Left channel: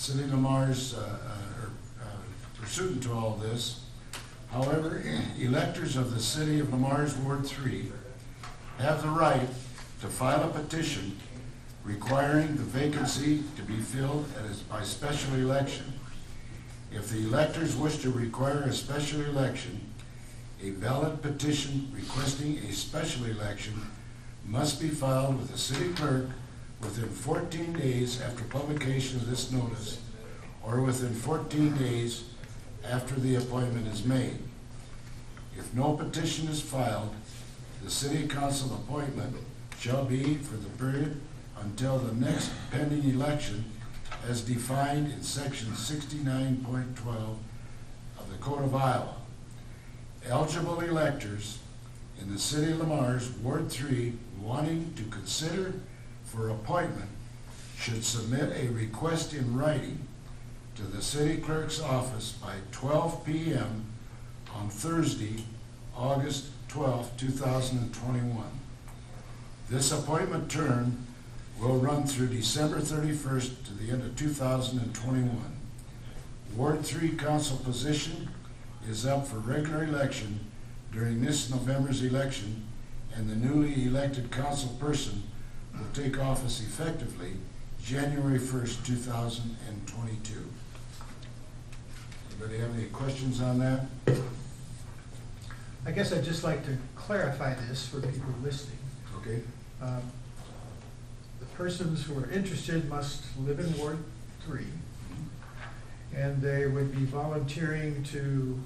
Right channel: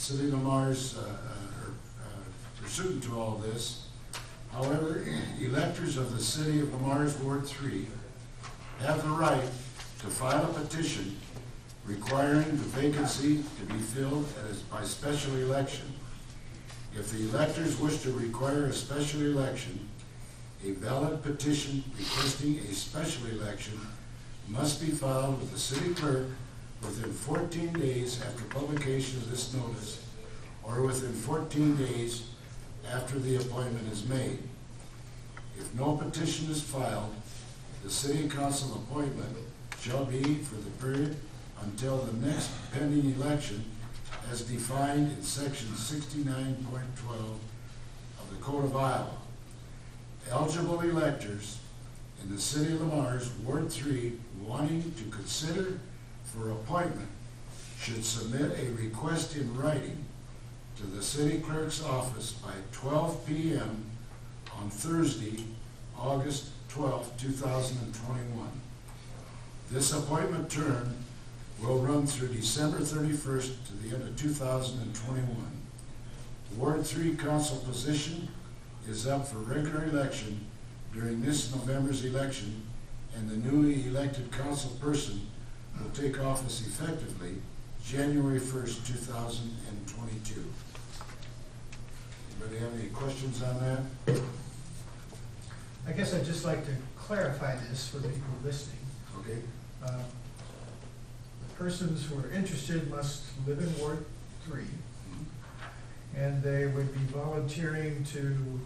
City of Lamar's pursuant to all this. However, electors of the City of Lamar's Ward 3 have the right to file a petition requiring the vacancy to be filled by special election. If the electors wish to require a special election, a valid petition requesting a special election must be filed with the city clerk within 14 days after publication of this notice, or within 14 days after the appointment is made. If no petition is filed, the city council appointment shall be for the period until the next pending election as defined in section 69.12 of the Code of Iowa. Eligible electors in the City of Lamar's Ward 3 wanting to consider for appointment should submit a request in writing to the city clerk's office by 12 p.m. on Thursday, August 12, 2021. This appointment term will run through December 31st to the end of 2021. Ward 3 council position is up for regular election during this November's election, and the newly elected council person will take office effectively January 1st, 2022. Anybody have any questions on that? I guess I'd just like to clarify this for people listening. Okay. The persons who are interested must live in Ward 3, and they would be volunteering to,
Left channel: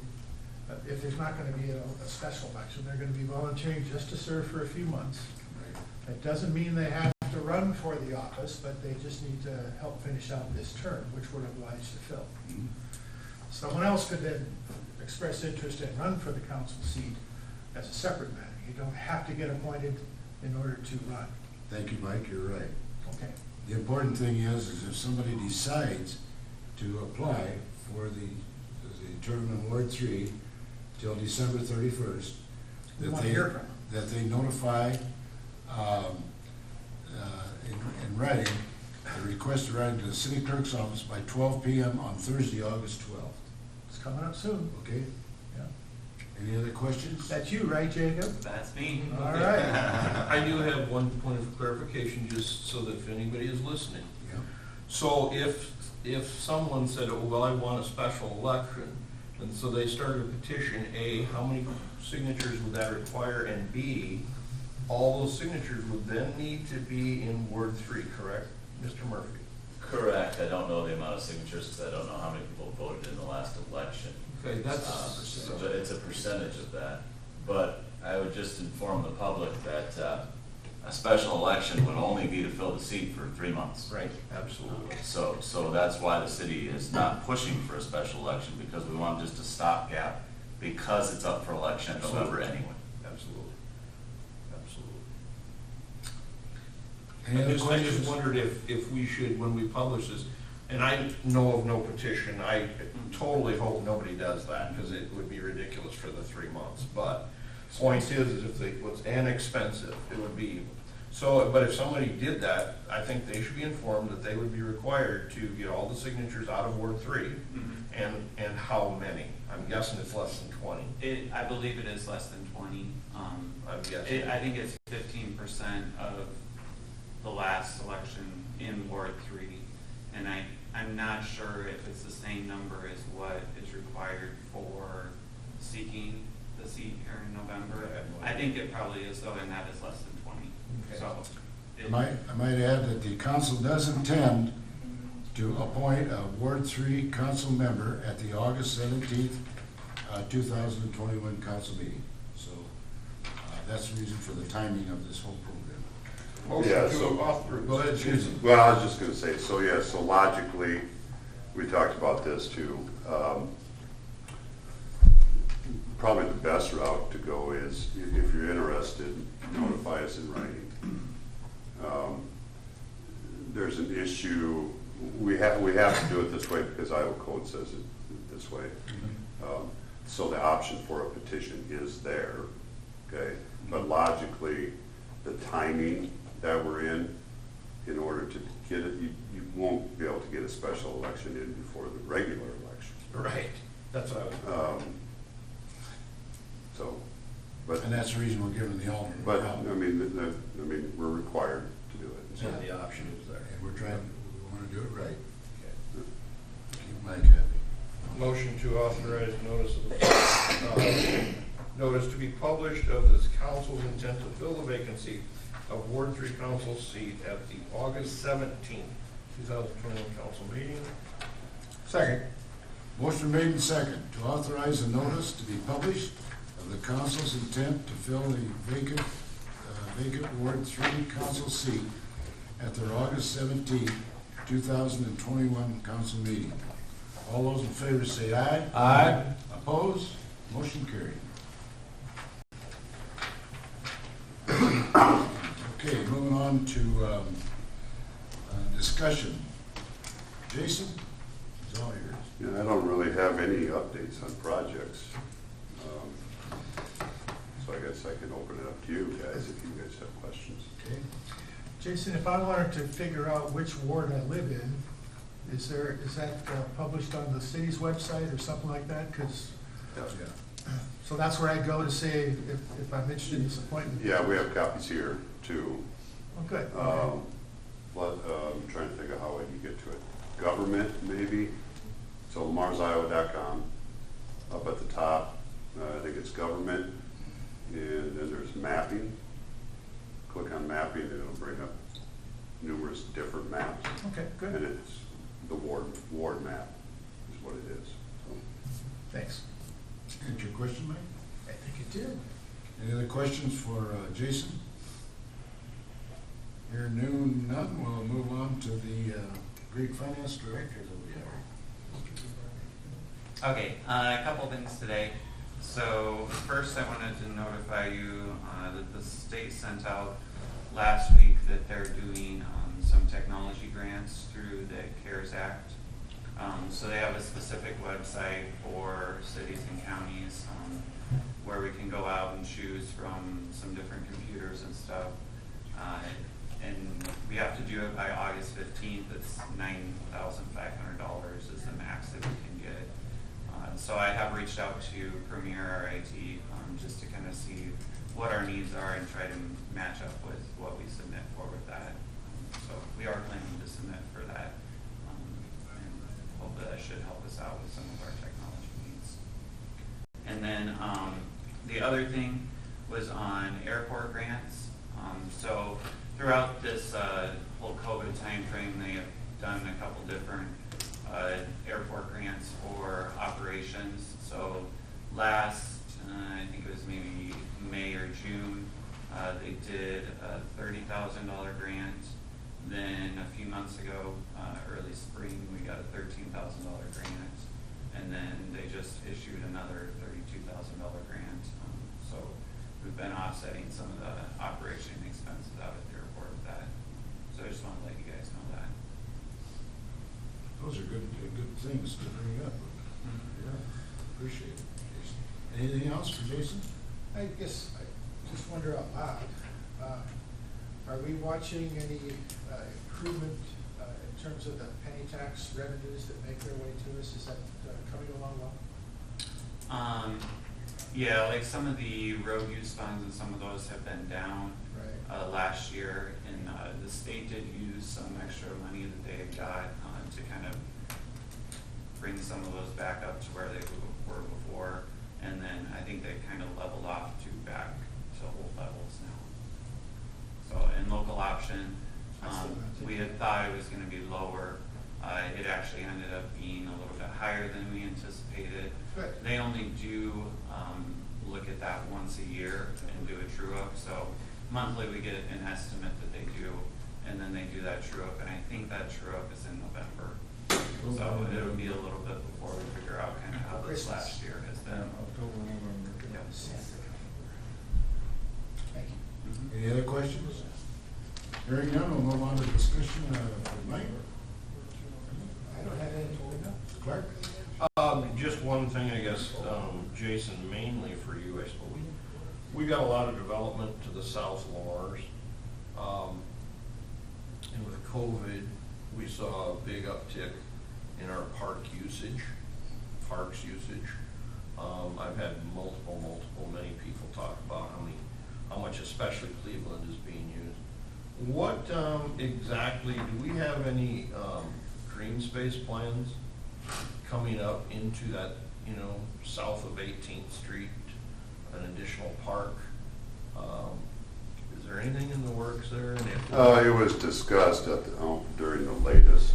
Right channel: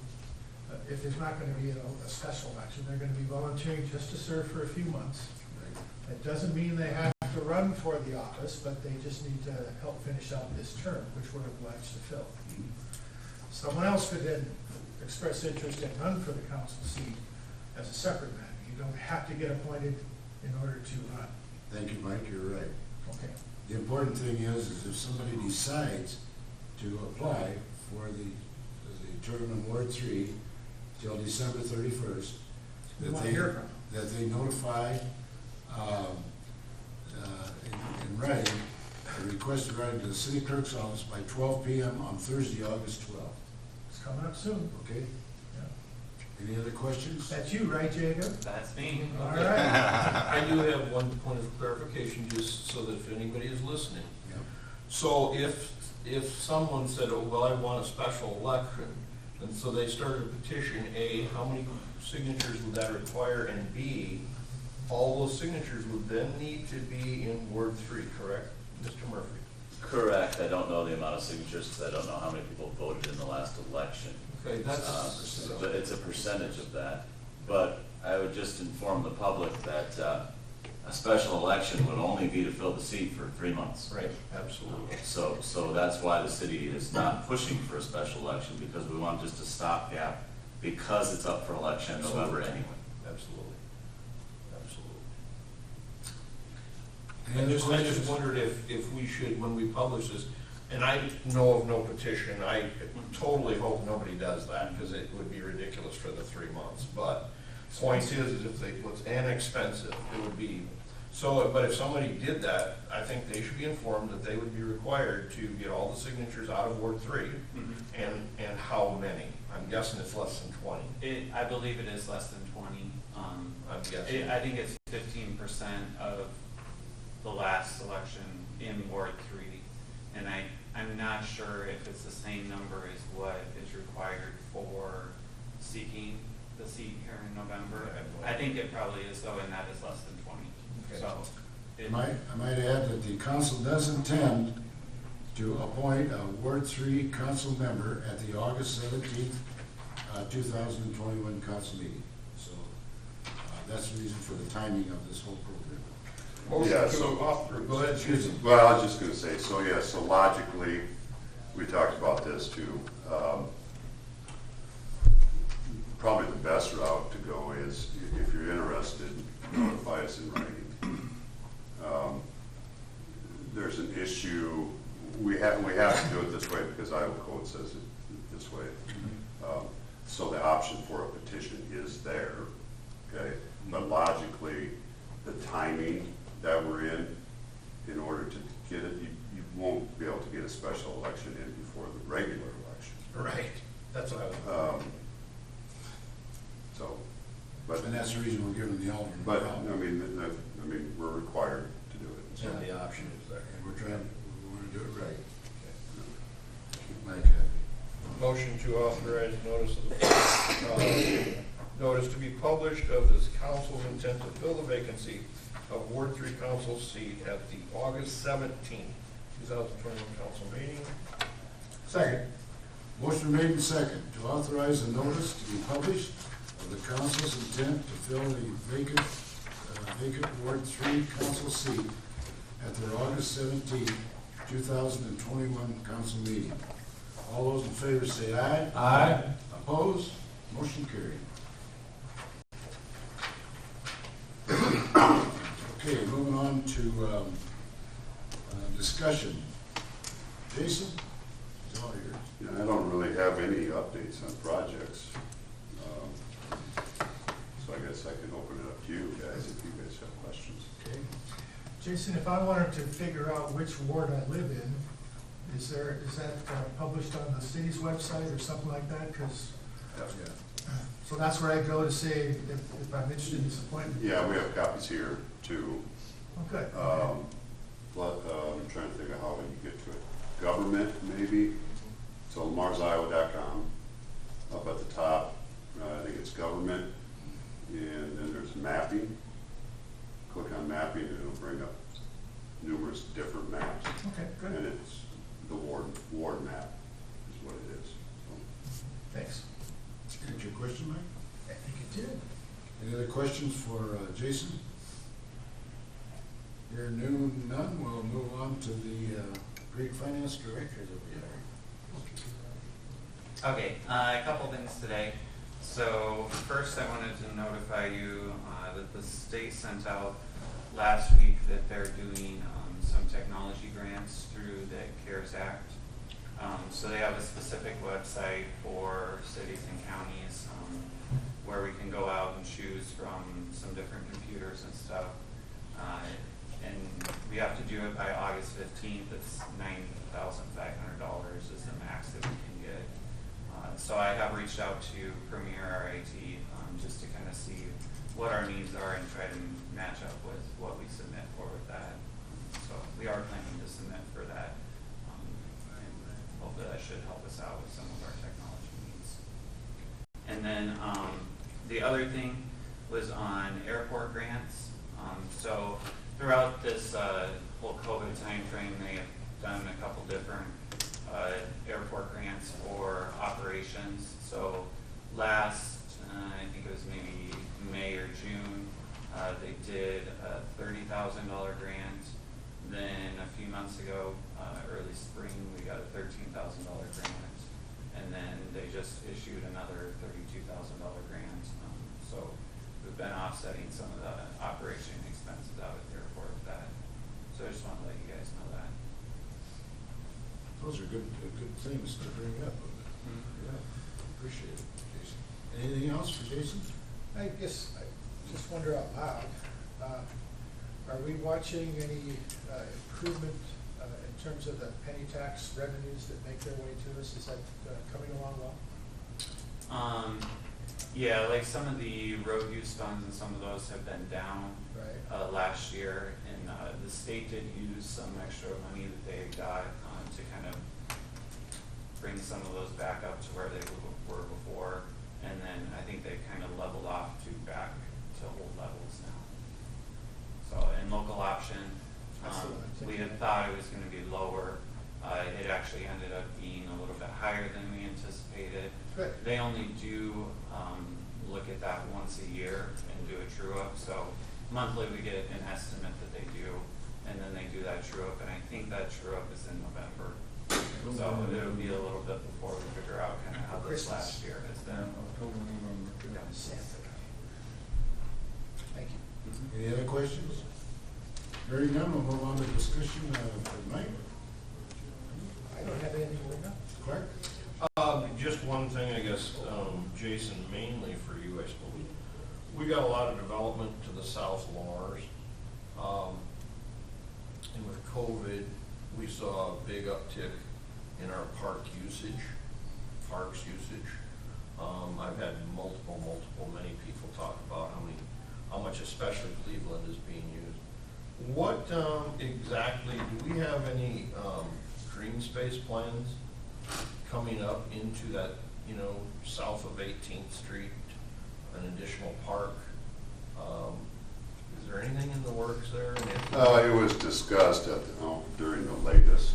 if there's not going to be a special election, they're going to be volunteering just to serve for a few months. Right. That doesn't mean they have to run for the office, but they just need to help finish out this term, which we're obliged to fill. Mhm. Someone else could then express interest and run for the council seat as a separate matter. You don't have to get appointed in order to run. Thank you, Mike, you're right. Okay. The important thing is if somebody decides to apply for the term in Ward 3 till December 31st, We want to hear from them. that they notify in writing, a request to write to the city clerk's office by 12 p.m. on Thursday, August 12th. It's coming up soon. Okay? Yeah. Any other questions? That's you, right, Jacob? That's me. All right. I do have one point of clarification, just so that if anybody is listening. Yeah. So if someone said, oh, well, I want a special election, and so they started a petition, A, how many signatures would that require? And B, all those signatures would then need to be in Ward 3, correct, Mr. Murphy? Correct. I don't know the amount of signatures because I don't know how many people voted in the last election. Okay, that's But it's a percentage of that. But I would just inform the public that a special election would only be to fill the seat for 3 months. right, absolutely. So that's why the city is not pushing for a special election, because we want just a stopgap, because it's up for election in November anyway. Absolutely. Absolutely. Any other I just questions? wondered if we should, when we publish this, and I know of no petition, I totally hope nobody does that, because it would be ridiculous for the 3 months, but point is if they, and expensive, it would be, so, but if somebody did that, I think they should be informed that they would be required to get all the signatures out of Ward 3, and how many? I'm guessing it's less than 20. I believe it is less than 20. I'm guessing. I think it's 15% of the last election in Ward 3. And I'm not sure if it's the same number as what is required for seeking the seat here in November. I think it probably is, though, and that is less than 20. Okay. So I might add that the council does intend to appoint a Ward 3 council member at the August 17th, 2021 council meeting. So that's the reason for the timing of this whole program. Motion Yeah, to so- authorize. Go ahead, Susan. Well, I was just gonna say, so yeah, so logically, we talked about this too. Probably the best route to go is, if you're interested, notify us in writing. There's an issue, we have to do it this way because Iowa code says it this way. So the option for a petition is there, okay? But logically, the timing that we're in order to get it, you won't be able to get a special election in before the regular election. Right, that's what I was. So, but, And that's the reason we're giving the alternate. but, route. I mean, we're required to do it. So, And the option is there. And we're trying, we wanna do it right. Keep Mike happy. Motion to authorize notice to be published of this council's intent to fill the vacancy of Ward 3 council seat at the August 17th, 2021 council meeting. Second. Motion made and second to authorize a notice to be published of the council's intent to fill the vacant Ward 3 council seat at their August 17, 2021 council meeting. All those in favor say aye. Aye. Opposed? Motion carried. Okay, moving on to discussion. Jason, it's all yours. yeah, I don't really have any updates on projects. So I guess I can open it up to you guys if you guys have questions. Okay. Jason, if I wanted to figure out which ward I live in, is that published on the city's website or something like that? Because, so that's where I go to say if I'm interested in this appointment? Yeah, we have copies here too. Oh, good. I'm trying to think of how you get to it. Government, maybe. So marsiowa.com. Up at the top, I think it's government. And then there's mapping. Click on mapping and it'll bring up numerous different maps. Okay, good. And it's the ward map is what it is. So, Thanks. Answer your question, Mike? I think it did. Any other questions for Jason? Here none, we'll move on to the great finance director that we have. Okay, a couple things today. So first I wanted to notify you that the state sent out last week that they're doing some technology grants through the CARES Act. So they have a specific website for cities and counties where we can go out and choose from some different computers and stuff. And we have to do it by August 15th. It's $9,500 is the max that we can get. So I have reached out to Premier, our IT, just to kind of see what our needs are and try to match up with what we submit for with that. So we are planning to submit for that. And hopefully that should help us out with some of our technology needs. And then the other thing was on airport grants. So throughout this whole COVID timeframe, they have done a couple different airport grants for operations. So last, I think it was maybe May or June, they did a $30,000 grant. Then a few months ago, early spring, we got a $13,000 grant. And then they just issued another $32,000 grant. So we've been offsetting some of the operation expenses out at the airport with that. So I just want to let you guys know that. Those are good things to bring up. Yeah, appreciate it, Jason. Anything else for Jason? I guess I just wonder out loud, are we watching any improvement in terms of the penny tax revenues that make their way to us? Is that coming along well? Yeah, like some of the road use funds and some of those have been down Right. last year, and the state did use some extra money that they had got to kind of bring some of those back up to where they were before, and then I think they kind of leveled off to back to old levels now. So in local option, we had thought it was going to be lower. It actually ended up being a little bit higher than we anticipated. Good. They only do look at that once a year and do a true up. So monthly we get an estimate that they do, and then they do that true up. And I think that true up is in November. So it'll be a little bit before we figure out kind of how this last year has been. October, November. Thank you. Any other questions? Hearing none, we'll move on to discussion for Mike. I don't have anything to bring up. Clark? Just one thing, I guess, Jason, mainly for you, I suppose. We got a lot of development to the south Lars. And with COVID, we saw a big uptick in our parks usage. I've had many people talk about how much especially Cleveland is being used. What, exactly, do we have any, green space plans coming up into that, south of 18th Street, an additional park? Is there anything in the works there? And if- It was discussed during the latest,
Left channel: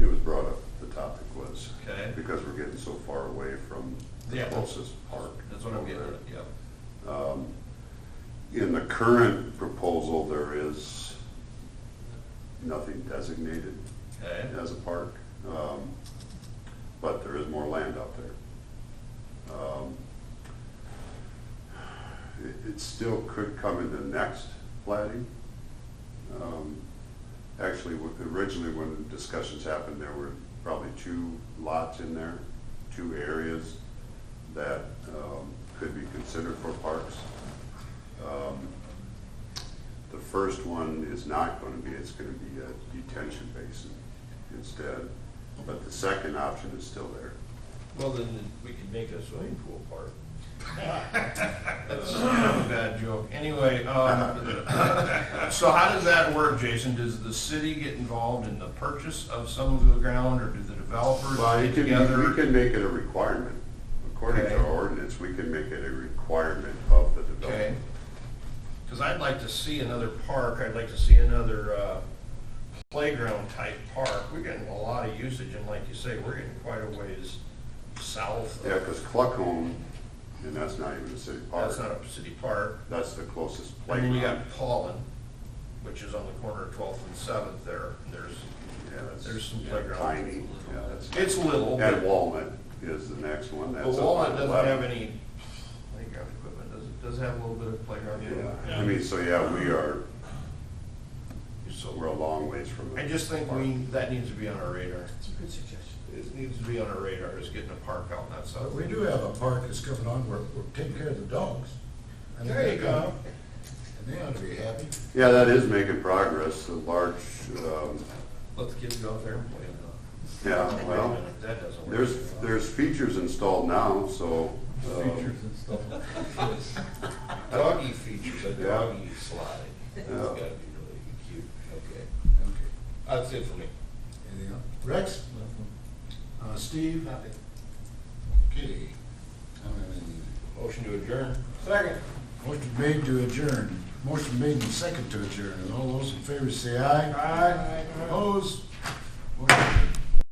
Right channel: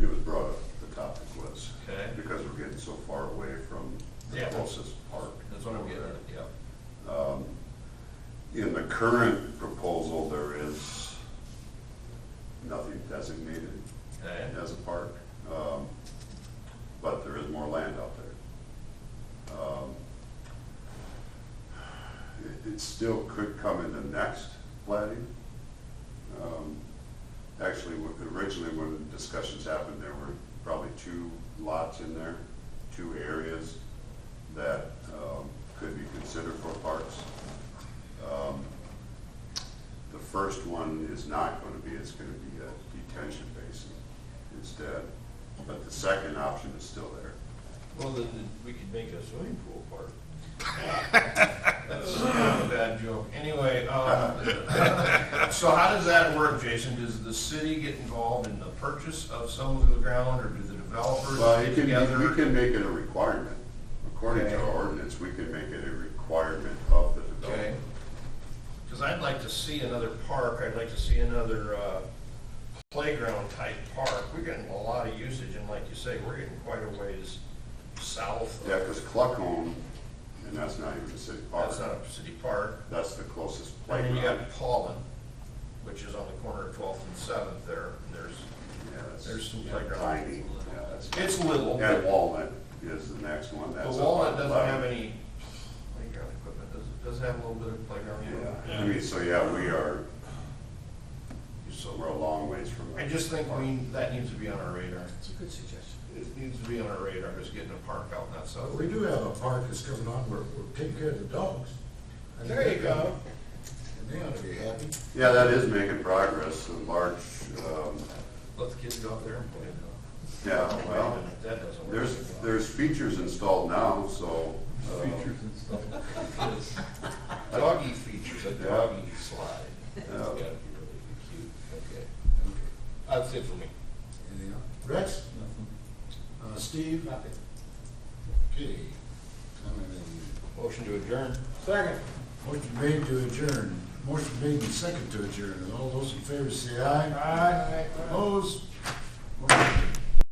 it was brought up, the topic was, Okay. because we're getting so far away from the Yeah. closest park. That's what I'm getting at, yeah. In the current proposal, there is nothing designated Okay. as a park, but there is more land out there. It still could come in the next plating. Actually, originally when the discussions happened, there were probably 2 lots in there, 2 areas that could be considered for parks. The first one is not going to be, it's going to be a detention basin instead, but the second option is still there. Well, then we could make a swimming pool park. That's kind of a bad joke. Anyway, so how does that work, Jason? Does the city get involved in the purchase of some of the ground, or do the developers Well, get together? we can make it a requirement. According to Okay. our ordinance, we can make it a requirement of the Okay. developer. Because I'd like to see another park, I'd like to see another playground type park. We're getting a lot of usage, and like you say, we're getting quite a ways south. Yeah, because Cluckhome, and that's not even a city park. That's not a city park. That's the closest And then you playground. got Paulin, which is on the corner of 12th and 7th there, and Yeah, that's- there's some yeah, playground. Tiny, yeah, that's. It's little, And but Walnut is the next one, but that's. up Walnut on doesn't 11. have any playground equipment, does it have a little bit of playground equipment? Yeah, I mean, so yeah, we are, So we're a long ways from. I just think that needs to be on our radar. It's a good suggestion. It needs to be on our radar, just getting a park out in that But south. we do have a park that's coming on, we're taking care of the dogs. I think There you they- go. And they ought to be happy. Yeah, that is making progress, a large, Let the kids go out there and play. yeah, Wait a well, minute, that doesn't work. there's features installed now, so. and stuff. Doggy features, a Yeah. doggy slide. That's Yeah. gotta be really cute. Okay. That's it for me. Anything else? Rex? Nothing. Steve? Nothing. Okay. Motion to adjourn. Second. Motion made to adjourn. Motion made and second to adjourn. And all those in favor say aye. Aye. Opposed?